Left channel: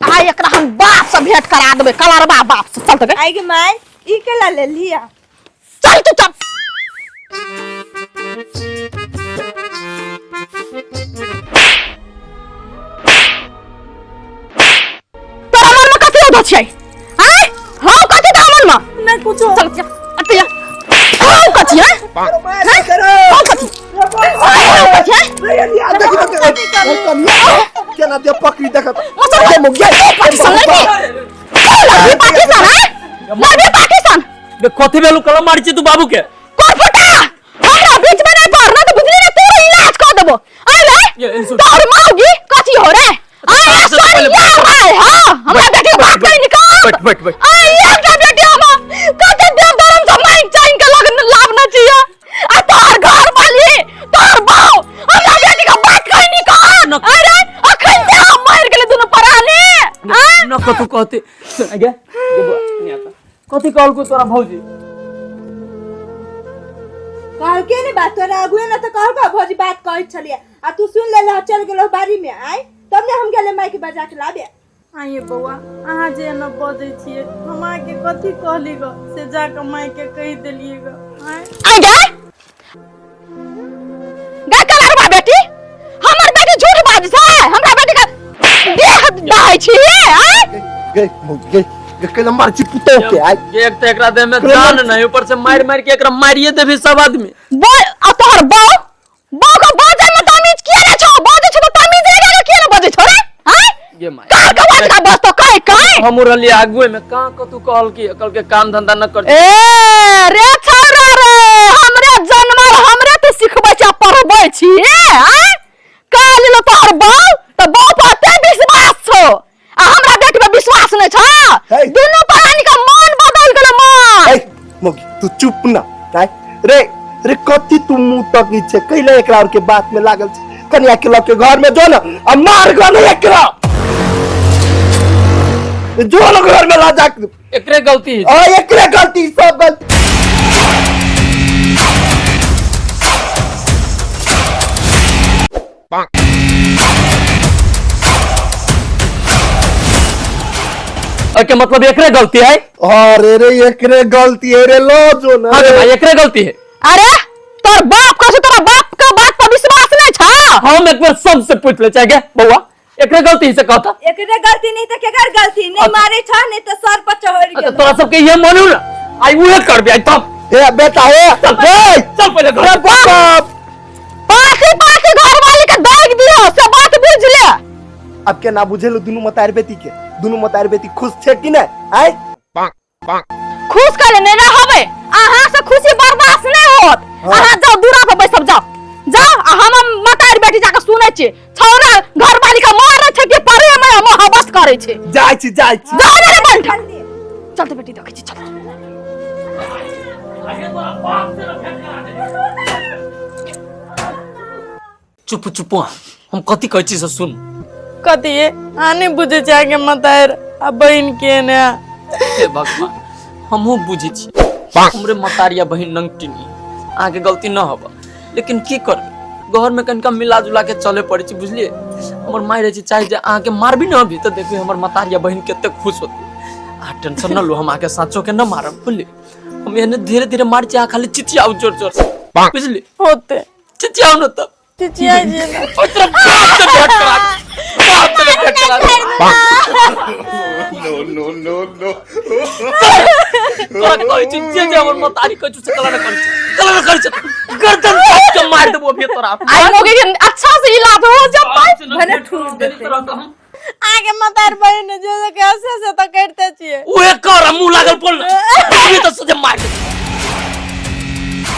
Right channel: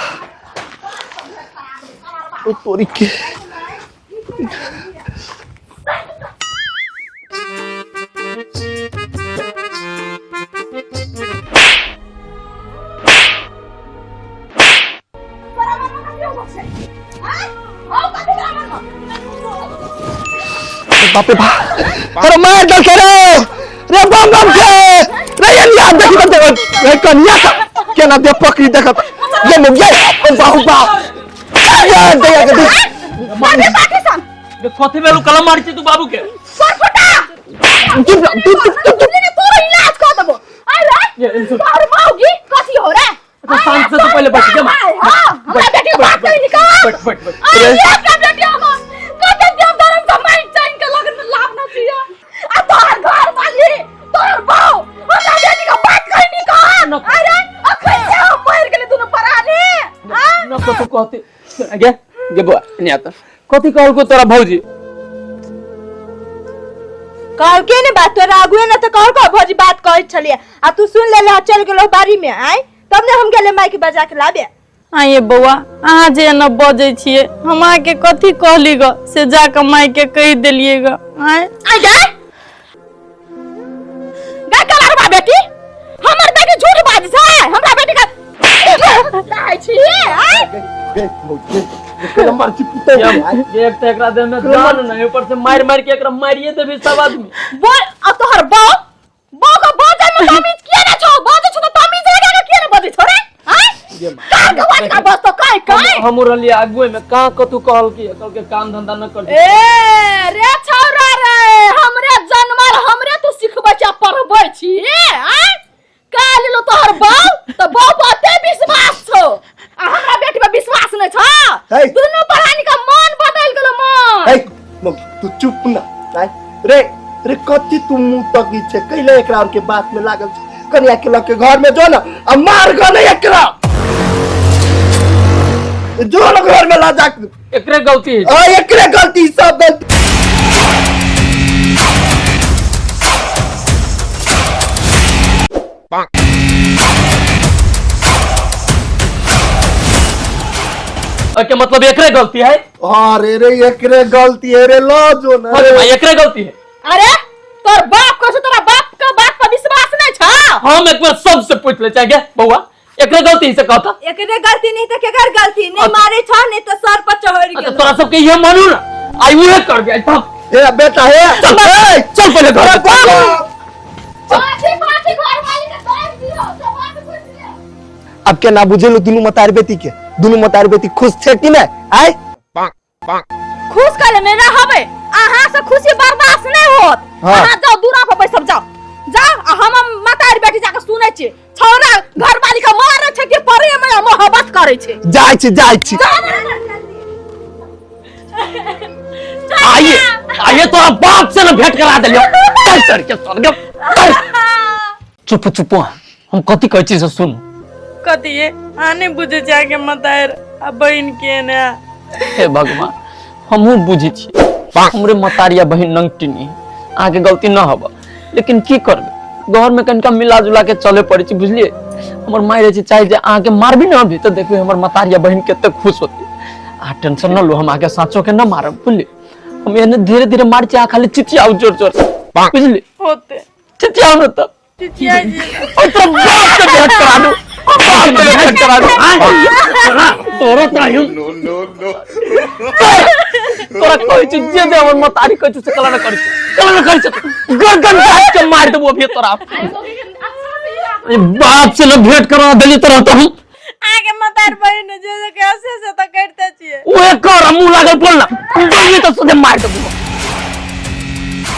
हाय एकरा हम बाप से भेंट करा देबे कलर बाप आई गे माय ई केला ले लिया चल तू चल तोरा मन में कथि उठो छै हाय हां कथि त मन में ना कुछो चल अतिया कथि है तोरा मार दे के रे बम बम रे ये याद देखि त रे कनिया केना दे पकड़ी देख ये में ये पाकिस्तान बे कोथि बेलु कलम मारछि तू बाबू के फटा हमरा बीच में नहीं मारना तो भिड़ने ने तेरा इलाज कर देबो आले तोर माऊगी कथि हो रे शांत से पहले हां हमरा बेटी के बात नहीं निकाल बैठ ये बेटी हम कते देव धर्म से माइक चाइन के लगन लाभना चाहिए आ तोर घर वाली तोर बाऊ हमरा बेटी का बात कहीं निकाल अरे अखन दे मार गेले दोनों पराने हां न कथु कहते गे गे बुआ नहीं आता कथि कहल को तोरा भौजी कहल के ने बात तोरा आगुए ना तो कहल को भौजी बात कहै छलिए आ तू सुन ले चल गेलो बारी में आय तब ने हम गेले माइक बजा के लाबे आइए बउआ अहाँ जे न बजै छिए हमरा के कथि कहली ग से जा के माई के कहि देलिए ग आय गे कलरवा बेटी हमर बेटी झूठ बाज छै हमरा बेटी का दाई छी आय के नंबर चिपते एक तो एकरा दे में जान नहीं ऊपर से मार मार के एकरा मारिए देबे सब आदमी बोल आ तोहर बाऊ को बाजे में तमीज किया ना छौ बाजे छ तो तमीज रे का किया ना बाजे छ रे हां का का बात का बस तो काय हम रहली आगुए में का कतु कहल के काम धंधा न कर ए रे छौरा रे हमरे जन्मल हमरे तो सिखबै छ पढ़बै छी हां काल लो तोहर बाऊ तो बाऊ पर ते विश्वास छौ आ हमरा बेटी पे विश्वास नै छ दोनों प्राणी का मन बदल गेल मन तू चुप ना रे रे कथि तू मुंह तकी छे कैला एकरा के बात में लागल छे कन्या के लोग के घर में जो ना आ मार गो नहीं एकरा जो लोग घर में ला जा एकरे गलती ओ एकरे गलती सब गलती के मतलब एकरे गलती है अरे रे एकरे गलती है रे लो जो ना अरे भाई एकरे गलती है अरे तोर बाप का तोरा बाप का बात पर विश्वास नहीं छ हम एक बार सबसे पूछ ले चाहिए बउआ एकरे गलती से कहता एकरे गलती नहीं तो केकर गलती नहीं मारे छ नहीं तो सर पर चढ़ गेल तोरा सब के ये मानू ना आई उहे कर बे तब ए बेटा है चल पहले घर पाती घर वाले के दाग दियो से बात बुझ ले अब क्या ना बुझे लो दोनों मतार बेटी के दोनों मतार बेटी खुश छे कि ना आय खुश करे नहीं ना होबे अहां से खुशी बर्दाश्त नहीं होत अहां जाओ दूरा पे बैठ जाओ हम मतार बेटी जाके सुनै छी छौरा घर वाली का मारे छै कि परे में मोहब्बत करे छै जाय छी जा रे बंठ चल तो बेटी देखै छी आइए तोरा बाप से ना भेंट करा देलियो चल कर के चुप चुप हम कथि कहै छी से सुन कथि आनी बुझे जाके मतार आ बहन के ने हे भगवान हमहू बुझी छी हमरे मतारिया बहन नंगटिनी आगे गलती न होबा लेकिन की करबे घर में कनका मिला जुला के चले पड़े छी बुझलिए हमर माय रहे छी चाहे जे आगे मारबी न अभी तो देखबे हमर मतारिया बहन केते खुश होती आ टेंशन न लो हम आगे साचो के न मारब बुझलिए हम एने धीरे धीरे मार छी आ खाली चिचियाउ जोर जोर से बुझलिए होते चिचियाउ न तो चिचिया जी तो बाप से भेंट करा दो भेंट करा दो तोरा चाहिए नो तोरा कोई चीज जे हमर मतारी कोई चीज कला न कर छ गर्दन काट के मार देबो अभी तोरा आई लोगे के अच्छा से इलाज हो जा बाप से न भेंट करा देली तोरा तो हम आगे मतार बहन जे कैसे से त करते छिए ओए कर मुंह लागल पड़ला अभी तो सीधे मार देबो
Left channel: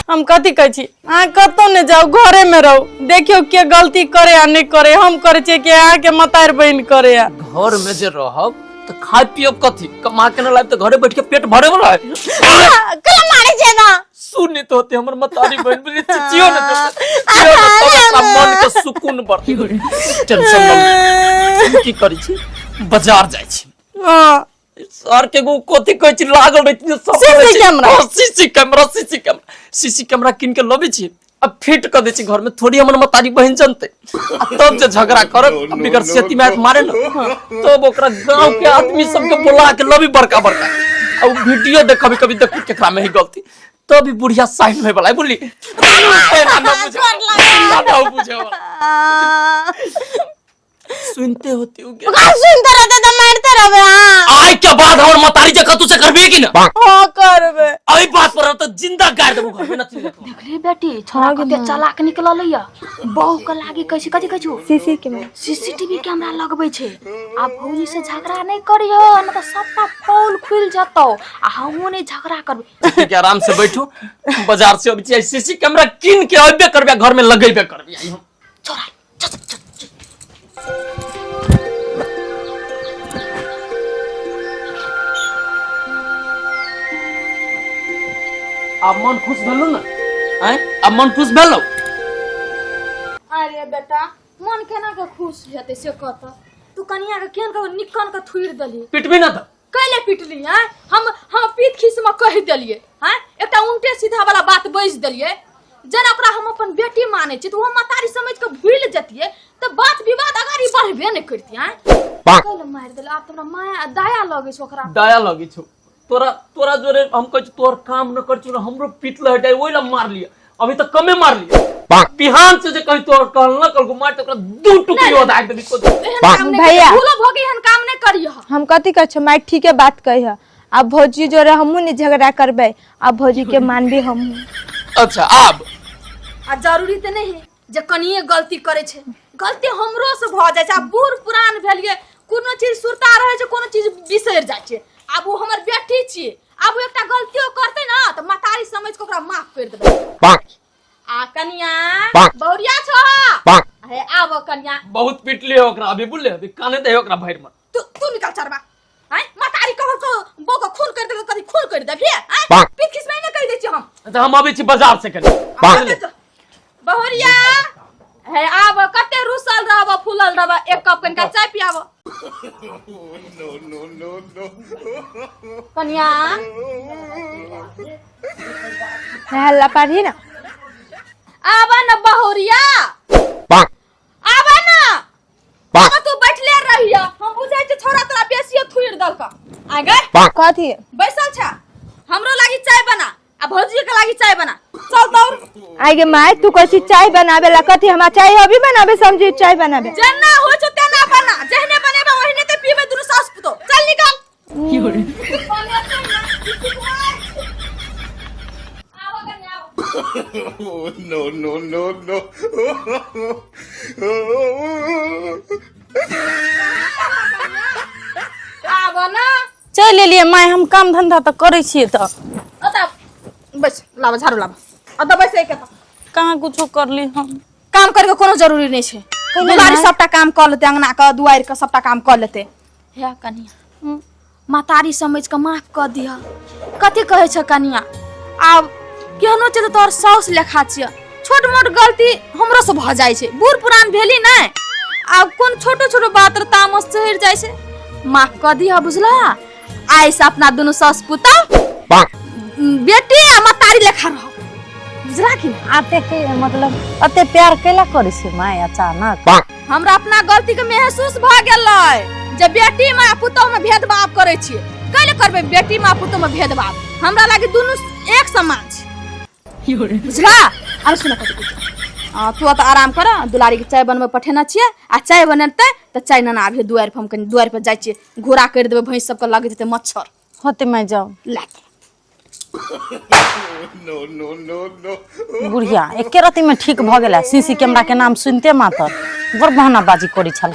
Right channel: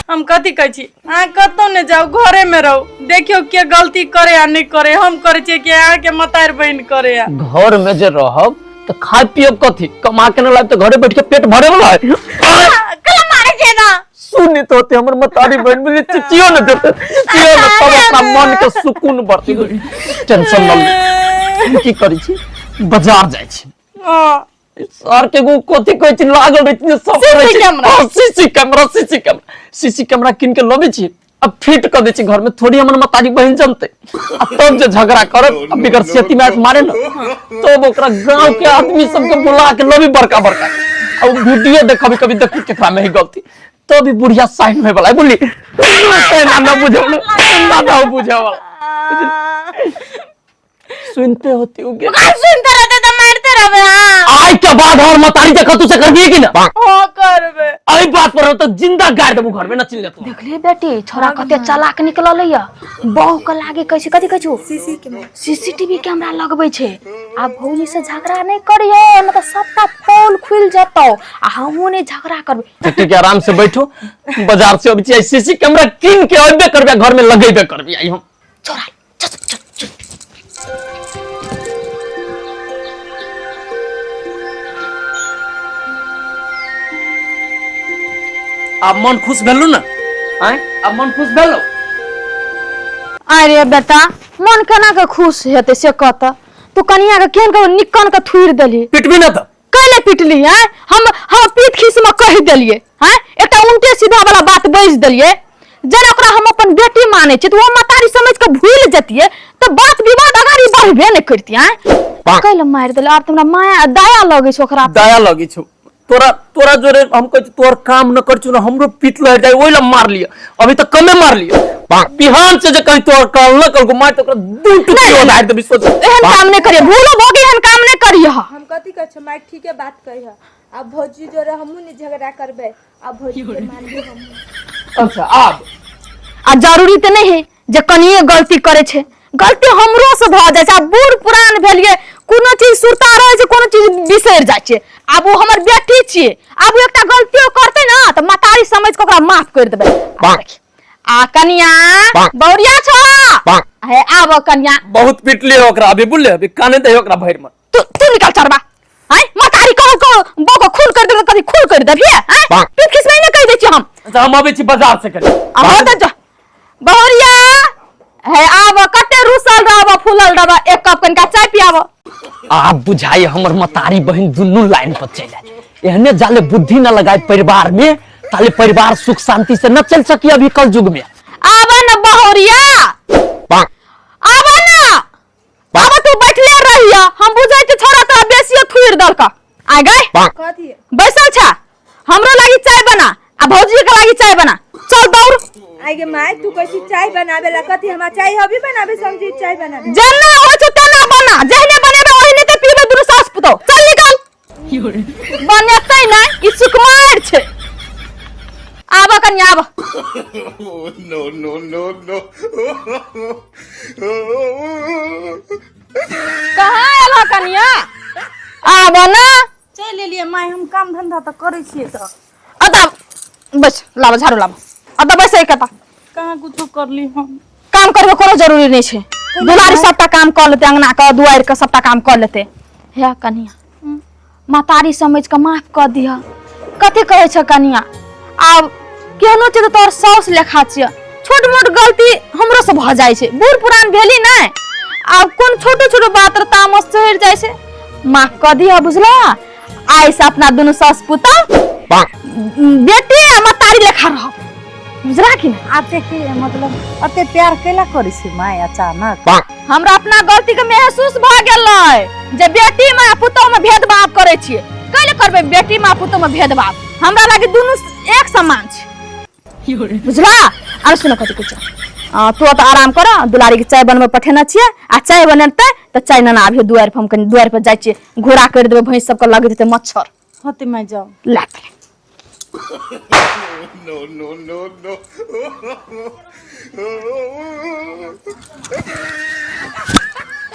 हम कथि कहै छी आ कतो ने जाओ घरे में रहो देखियो के गलती करे आ नहीं करे हम करे छी के आ के मतार बहन करे आ घर में जे रहब तो खाय पियो कथि कमा के न लाब तो घरे बैठ के पेट भरे वाला है कला मारे जे ना सुनी तो होते हमर मतारी बहन बोले चिचियो न देते चियो न तब अपना मन के सुकून बढ़ती टेंशन न की करी छी बाजार जाय छी हां सर के गो कथि कहै छी लागल रहै छी सब सीसी कैमरा सीसी कैमरा किन के लबे छी अब फिट कर दे छी घर में, थोड़ी हमर मतारी बहन जानते तब जे झगड़ा करब बिगर सेती में मारे न तब ओकरा गांव के आदमी सब के बुला के लबी बड़का बड़का अब वीडियो देख कभी कभी देख केकरा में ही गलती तो भी बुढ़िया साइड में बोला बोली ना बुझाओ ना बुझाओ सुनते होती हो क्या सुनते रहते तो मारते रहे आई के बाद और मतारी जका तू से करबी कि ना हां करबे आई बात पर तो जिंदा गाड़ देबू घर में ना चिल जातो देखली बेटी छोरा कते चालाक निकलल या बहु के लागे कैसे कथि कहू सीसीटीवी कैमरा लगबै छै आ भौजी से झगड़ा नहीं करियो न तो सबका पोल खुल जतो आ हमहु ने झगड़ा करबे ठीक है आराम से बैठो बाजार से अभी सीसी कैमरा किन के अबे करबे घर में लगेबे करबे आई हम छोरा चल चल चल अब मन खुश भेलु ना आय अब मन खुश भेलो अरे बेटा मन केना के खुश हेते से कहत तू कनिया के केन के निकन के थुइर देली पिटबी ना तो कैले पिटली है हम पीठ खीस में कह देलिए हैं एकटा उल्टे सीधा वाला बात बज देलिए जना ओकरा हम अपन बेटी माने छी तो वो मतारी समझ के भूल जतिए तो बात विवाद अगाड़ी बढ़बे नहीं करती हैं कैले मार देले अब हमरा माया दया लगे छ ओकरा दया लगी छ तोरा जोरे हम कह तोर काम न कर छु ना हमरो पीट लह जाए ओइला मार लिया अभी तक कमे मार लिया बिहान से जे कहि तोर काल न कल को मार तो दू टुकड़ी उधार दे सोच एहन काम नहीं करिए भूलो भोगी एहन काम नहीं करिए हम कथी कह छ माय ठीके बात कह अब भौजी जोरे हमहु ने झगड़ा करबे अब भौजी के मानबे हम अच्छा अब आ जरूरी तो नहीं है जे कनिए गलती करे छे गलती हमरो से भ जाय छै बूढ़ पुरान भेलिए कोनो चीज सुरता रहे छै कोनो चीज बिसर जाय छै अब वो हमर बेटी छिए अब एकटा गलती करते ना तो मतारी समझ के ओकरा माफ कर देबे आ कनिया बौरिया छ हे आब कनिया बहुत पिटले ओकरा अभी बुझले अभी काने दे ओकरा भैर में तू निकल चरबा हैं मतारी को बोको खून कर दे कभी खून कर देबी हैं तू किस महीने कह दे छी हम अच्छा हम अबे छी बाजार से करे अब त बौरिया है आब कते रुसल रहब फूलल रहब एक कप कनका चाय पियाब आप बुझाई हमर मतारी बहन दुन्नु लाइन पर चले एहने जाले बुद्धि न लगाए परिवार में ताले परिवार सुख शांति से न चल सकी अभी कल युग में आब न बहरिया आब न आब तू बैठले रहिया हम बुझाई त छोरा त बेसियो थुइर दलका आ गए कथी बैसल छ हमरो लागि चाय बना आ भौजी के लागि चाय बना चल दौड़ आगे माय तू कैसी चाय बनावे ला कथी हमरा चाय अभी बनावे समझी चाय बनावे जेना हो छ तना बना जेहने बनेबे ओहने त पीबे दुनु सास पुतो चल निकल बनेतै ना ई सुकुमार छै आब कन्या आब no. कहां आला कन्या आब ना चल लिए माय हम काम धंधा तो करे छिए तो अता बस लावा झाड़ू लावा अता बस एक कता कहां कुछ कर ली हम काम करबे कोनो जरूरी नहीं छै दुआरी सबटा काम कर लेते अंगना का दुआर का सबटा काम कर लेते हे कनिया मतारी समझ के माफ कर दिया कते कहे छ कनिया अब केहनो छै त तोर सास लेखा छै छोट मोट गलती हमरो से भ जाय छै बूढ़ पुरान भेली नै अब कोन छोटो छोटो बात र तामस चढ़ जाय छै माफ कर दिया बुझला आइ से अपना दोनों सास पुता बेटी आ मतारी लेखा रह बुझला कि आते के मतलब अते प्यार केला करे छी माय अचानक हमरा अपना गलती के महसूस भ गेलै जे बेटी मां पुतोह में भेदभाव करे छियै कैले करबे बेटी मां पुतोह में भेदभाव हमरा लागे दुनु एक समान छै बुझला आर सुन कत कुछ तो आराम कर दुलारी के चाय बनबे पठेना छियै आ चाय बनते त चाय नना आबे दुआर पर हम कनी दुआर पर जाय छियै घोड़ा कर देबे भैंस सब के लगे देते मच्छर होते मैं जाऊं लात No. बुढ़िया एके राती में ठीक भ गेला सीसी कैमरा के नाम सुनते मात्र बड़ बहाना बाजी करी छल